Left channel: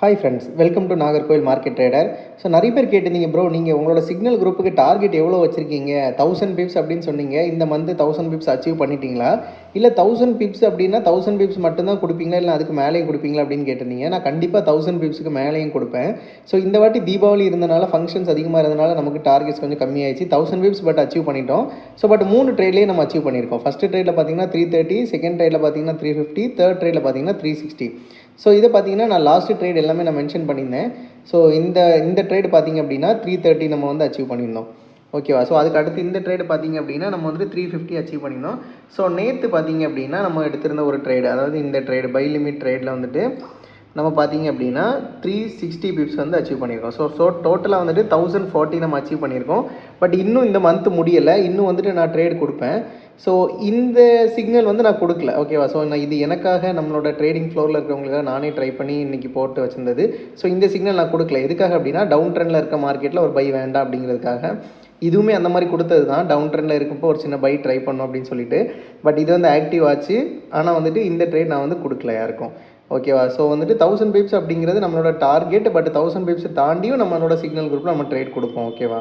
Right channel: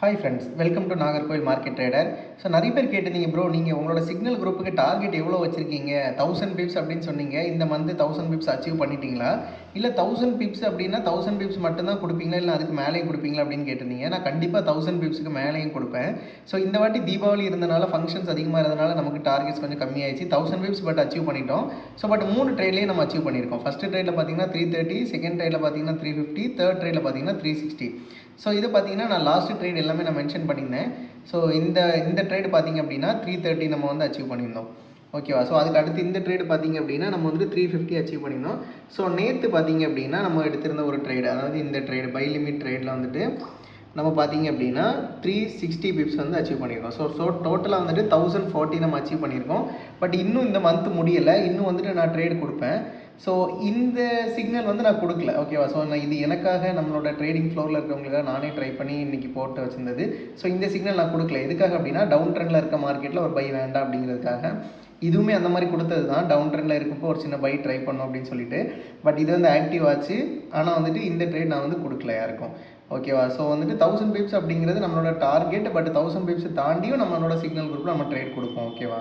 Hi friends, welcome to Nagercoil market trader. So நிறைய பேர் கேட்டிருந்தீங்க, ப்ரோ நீங்கள் உங்களோட சிக்னல் குரூப்புக்கு டார்கெட் எவ்வளோ வச்சுருக்கீங்க? 1000 பிப்ஸ் அப்படின்னு சொன்னீங்க. இந்த மந்த்து 1000 பிப்ஸ் அச்சீவ் பண்ணிட்டீங்களா? இல்லை 1000 பிப்ஸ் அப்படின்னா 1000 பிப்ஸ் மட்டும்தான் கொடுப்பீங்களா, இல்லை அதுக்கு மேலேயும் கொடுப்பீங்களா அப்படின்னு கேட்டிருந்தீங்க. நான் கண்டிப்பாக 1000 பிப்ஸுக்கு மேலேயும் கொடுப்பேன். ஸோ இந்த வாட்டி தீபாவளி இருந்தனால, ஃபங்க்ஷன்ஸ் அதிகமாக இருந்தனால நமக்கு டார்கெட்ஸ் கொஞ்சம் கம்மியாயிடுச்சு. 1000 பிப்ஸ் பட் அச்சீவ் பண்ணிட்டோம். ஸோ பட் 3 ட்ரேட்லேயே நம்ம அச்சீவ் பண்ணியிருக்கோம். ஃபஸ்ட்டு ட்ரேடில் பார்த்தீங்கன்னா 330, செகண்ட் ட்ரேடில் பார்த்தீங்கன்னா 350, தேர்ட் ட்ரேடில் பார்த்தீங்கன்னா 360. ஸோ இதை பார்த்தீங்கன்னா நான் லாஸ்ட்டு ட்ரேட் எல்லாமே நான் மென்ஷன் பண்ணியிருந்தேன். ஸோ இந்த ட்ரேடு பார்த்திங்க அப்படின்னா 330 நம்ம வந்து அச்சீவ் பண்ணியிருந்தோம். ஓகேவா? ஸோ அதுக்கு அடுத்து இந்த ட்ரேடு பார்த்திங்க அப்படின்னா நம்ம வந்துட்டு 350 அச்சீவ் பண்ணியிருந்தோம். ஸோ நேற்று பார்த்திங்க அப்படின்னா நம்ம எடுத்திருந்த ஒரு ட்ரேடு, அதாவது இந்த ட்ரேடு பை லிமிட் ட்ரேடில் வந்துட்டு நம்ம பார்த்திங்க அப்படின்னா 360 பிப்ஸ் வந்து அச்சீவ் பண்ணியிருக்கோம். ஸோ டோட்டலாக வந்துட்டு 1040 நம்ம அச்சீவ் பண்ணியிருக்கோம். பட் இன்னும் இந்த மந்த் முடியலை. இன்னும் வந்துட்டு நான் ட்ரேடு கொடுப்பேன். ஸோ இந்த சிக்னல் வந்து நான் கொடுக்கல. ஓகேவா? ஸோ நான் இது எனக்காக நம்மளோட ட்ரேடிங் ஃப்ளோரில் இருக்கிறவங்களுக்காக நானே ட்ரை பண்ணி இன்றைக்கி போட்டு வச்சுருந்தது. ஸோ இந்த சிக்னல் நான் கொடுக்கல. எதுக்காக அப்படின்னா டவுன் ட்ரெண்டில் இருக்க மார்க்கெட்டில் ஒரு பை வேண்டாம் அப்படிங்கிறதுக்காக. இதுவுமே அந்த மாதிரி கொடுத்தது தான். டவுன் ட்ரெண்டில் இருக்கப்போ ஒரு சின்ன பை ட்ரை பண்ணோம் அப்படின்னு சொல்லிட்டு. பட் இது வந்து ஆக்டிவ் ஆச்சு. ஆனால் வந்துட்டு இந்த ட்ரேட் நான் வந்து கொடுக்கல யாருக்கும். ஓகேவா? ஸோ வந்துட்டு 1000 பிப்ஸ் அப்படிங்கிறது நம்மளோட டார்கெட். பட் 1000 பிப்ஸ் தாண்டியும் நம்மளோட சிக்னல் குரூப்பில் நம்ம ட்ரேட் கொடுப்போம். ஓகேவா?